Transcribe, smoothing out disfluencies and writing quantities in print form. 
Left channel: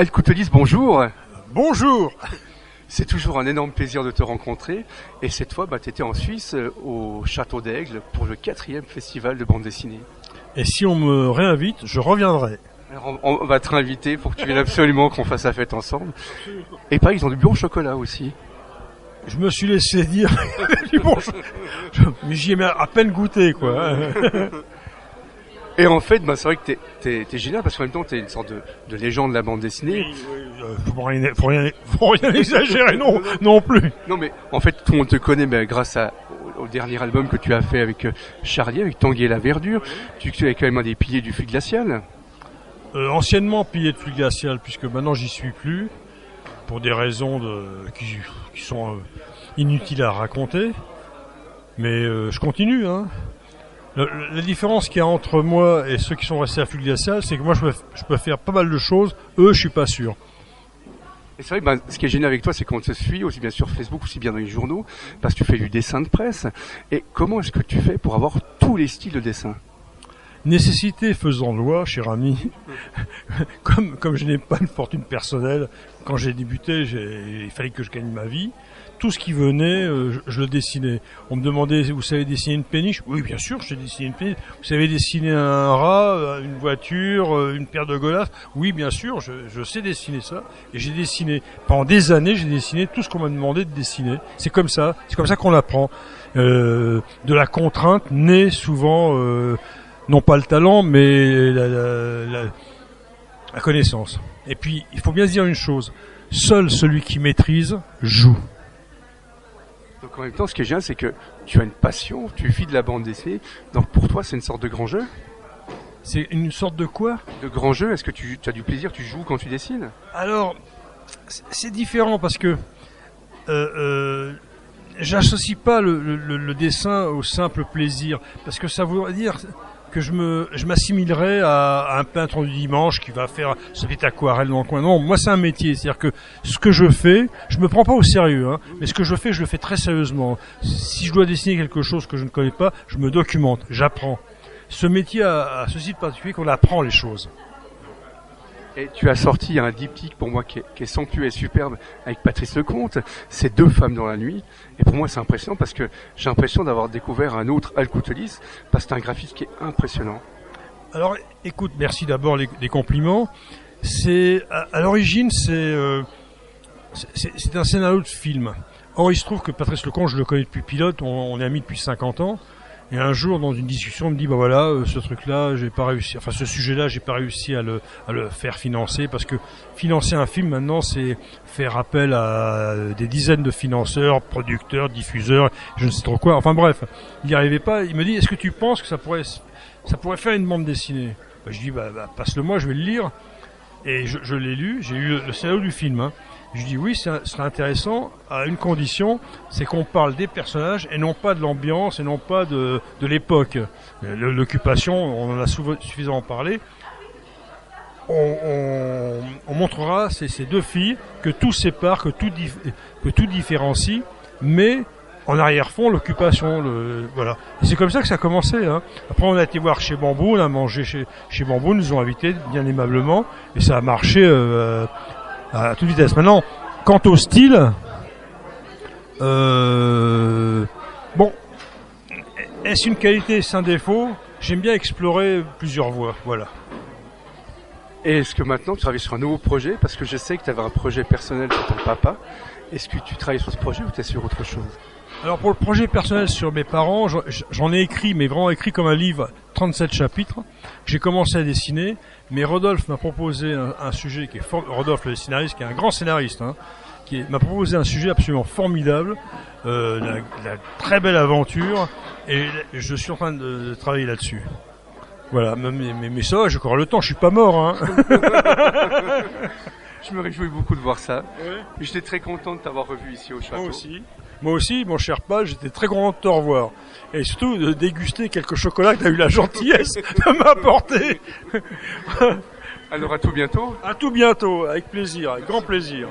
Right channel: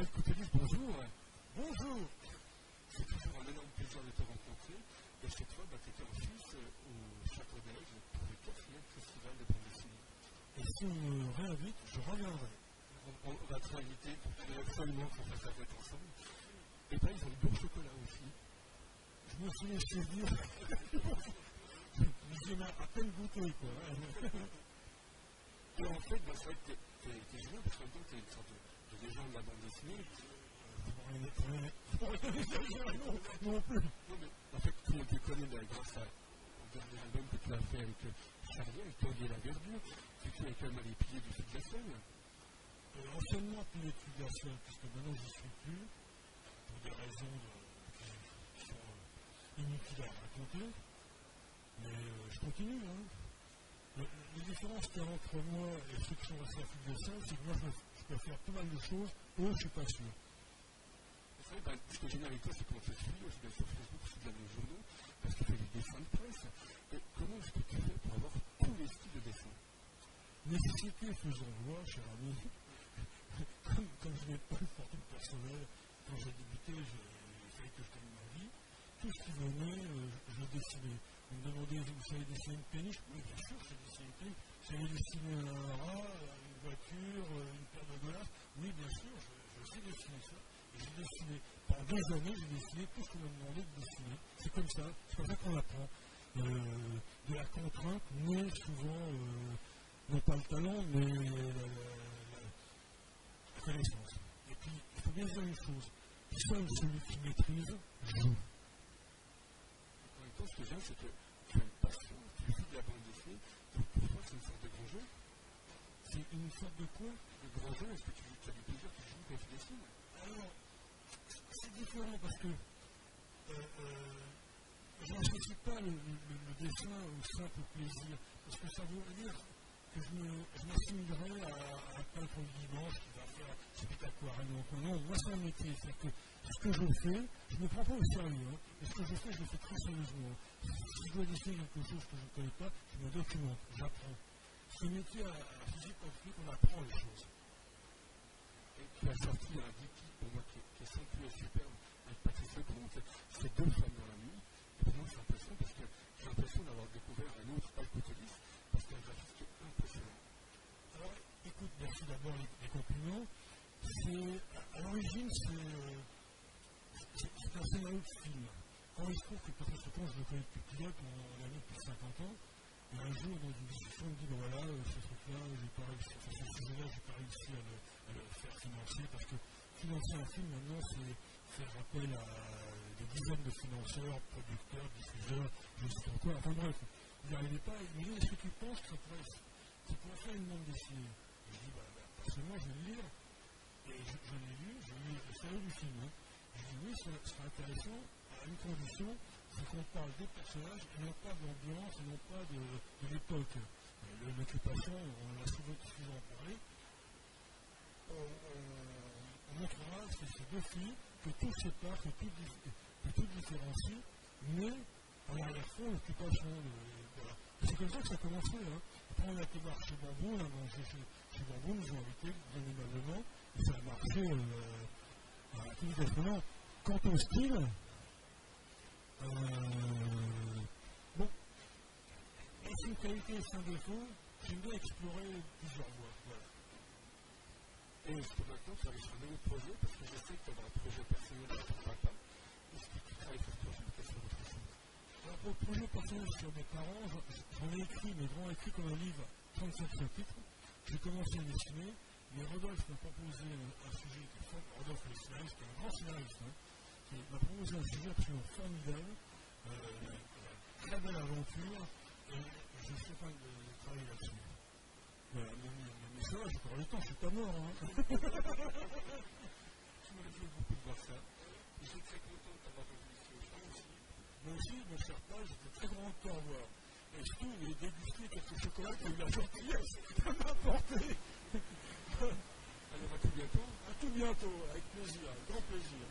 El Coutelis, bonjour. Bonjour. C'est toujours un énorme plaisir de te rencontrer. Et cette fois, tu étais en Suisse, au Château d'Aigle, pour le 4e festival de bande dessinée. Et si on me réinvite, je reviendrai. Alors, on va te réinviter pour que tu viennes absolument qu'on fasse la fête ensemble. Et pareil, ils ont du bon chocolat aussi. Je me suis laissé dire du bon mais j'y ai à peine goûté, quoi. Et en fait, c'est vrai que t'es génial parce qu'en même temps, t'es une sorte de légende de la bande dessinée. Faut rien exagérer, non plus. Non, mais en fait, tout le monde te connaît grâce au dernier album que tu as fait avec Charlie, avec Tanguy et la Verdure. Tu es quand même un des piliers du fluide glacial. Anciennement pilier de fluide glacial, puisque maintenant j'y suis plus, pour des raisons qui sont inutiles à raconter. Mais je continue, hein. La différence qu'il y a entre moi et ceux qui sont restés à fluide glacial, c'est que moi je peux faire pas mal de choses, eux je suis pas sûr. Et c'est vrai que ce qui est génial avec toi, c'est qu'on te suit aussi bien sur Facebook, aussi bien dans les journaux, parce que tu fais du dessin de presse. Et comment est-ce que tu fais pour avoir tous les styles de dessin ? Nécessité faisant loi, cher ami. Comme je n'ai pas une fortune personnelle, quand j'ai débuté, il fallait que je gagne ma vie. Tout ce qui venait, je le dessinais. On me demandait, vous savez dessiner une péniche ? Oui, bien sûr, je sais dessiner une péniche. Vous savez dessiner un rat, une voiture, une paire de godasses ? Oui, bien sûr, je sais dessiner ça. Et j'ai dessiné, pendant des années, j'ai dessiné tout ce qu'on m'a demandé de dessiner. C'est comme ça qu'on apprend. De la contrainte naît souvent, non pas le talent, mais la connaissance. Et puis, il faut bien se dire une chose. Seul celui qui maîtrise joue. Donc en même temps, ce qui est génial, c'est que tu as une passion, tu vis de la bande dessinée. Donc pour toi, c'est une sorte de grand jeu ? C'est une sorte de quoi ? De grand jeu. Est-ce que tu as du plaisir, tu joues quand tu dessines ? Alors, c'est différent parce que j'associe pas le dessin au simple plaisir. Parce que ça voudrait dire que je m'assimilerais à un peintre du dimanche qui va faire sa petite aquarelle dans le coin. Non, moi c'est un métier, c'est-à-dire que ce que je fais, je me prends pas au sérieux, hein, mais ce que je le fais très sérieusement. Si je dois dessiner quelque chose que je ne connais pas, je me documente, j'apprends. Ce métier a ceci de particulier qu'on apprend les choses. Et tu as sorti un diptyque pour moi qui est somptueux et superbe avec Patrice Lecomte, c'est 2 femmes dans la nuit. Et pour moi c'est impressionnant parce que j'ai l'impression d'avoir découvert un autre El Coutelis parce que c'est un graphisme qui est impressionnant. Alors écoute, merci d'abord des compliments. C'est à l'origine c'est un scénario de film. Or il se trouve que Patrice Lecomte, je le connais depuis pilote, on est amis depuis 50 ans. Et un jour, dans une discussion, on me dit, ce truc-là, j'ai pas réussi, enfin, ce sujet-là, j'ai pas réussi à le faire financer, parce que financer un film, maintenant, c'est faire appel à des dizaines de financeurs, producteurs, diffuseurs, je ne sais trop quoi. Enfin, bref. Il n'y arrivait pas. Il me dit, est-ce que tu penses que ça pourrait faire une bande dessinée? Je dis, passe-le-moi, je vais le lire. Et je l'ai lu, j'ai eu le scénario du film, hein. Je dis oui, ce serait intéressant à une condition, c'est qu'on parle des personnages et non pas de l'ambiance et non pas de l'époque. L'occupation, on en a suffisamment parlé. On montrera ces 2 filles que tout sépare, que tout différencie, mais en arrière-fond, l'occupation, voilà. Et c'est comme ça que ça a commencé, hein. Après, on a été voir chez Bambou, on a mangé chez Bambou, nous ont invités bien aimablement, et ça a marché à toute vitesse. Maintenant, quant au style, est-ce une qualité, est-ce un défaut ? J'aime bien explorer plusieurs voies, voilà. Et est-ce que maintenant tu travailles sur un nouveau projet ? Parce que je sais que tu avais un projet personnel pour ton papa. Est-ce que tu travailles sur ce projet ou tu es sur autre chose ? Alors pour le projet personnel sur mes parents, j'en ai écrit, mais vraiment écrit comme un livre, 37 chapitres. J'ai commencé à dessiner, mais Rodolphe m'a proposé un sujet qui est Rodolphe le scénariste, qui est un grand scénariste, hein, m'a proposé un sujet absolument formidable, la très belle aventure, et je suis en train de travailler là-dessus. Voilà, mais ça, j'ai encore le temps, je suis pas mort, hein. Je me réjouis beaucoup de voir ça. Ouais. J'étais très content de t'avoir revu ici au château. Moi aussi, mon cher Paul, j'étais très content de te revoir. Et surtout de déguster quelques chocolats que tu as eu la gentillesse de m'apporter. Alors à tout bientôt. À tout bientôt, avec plaisir, avec grand plaisir.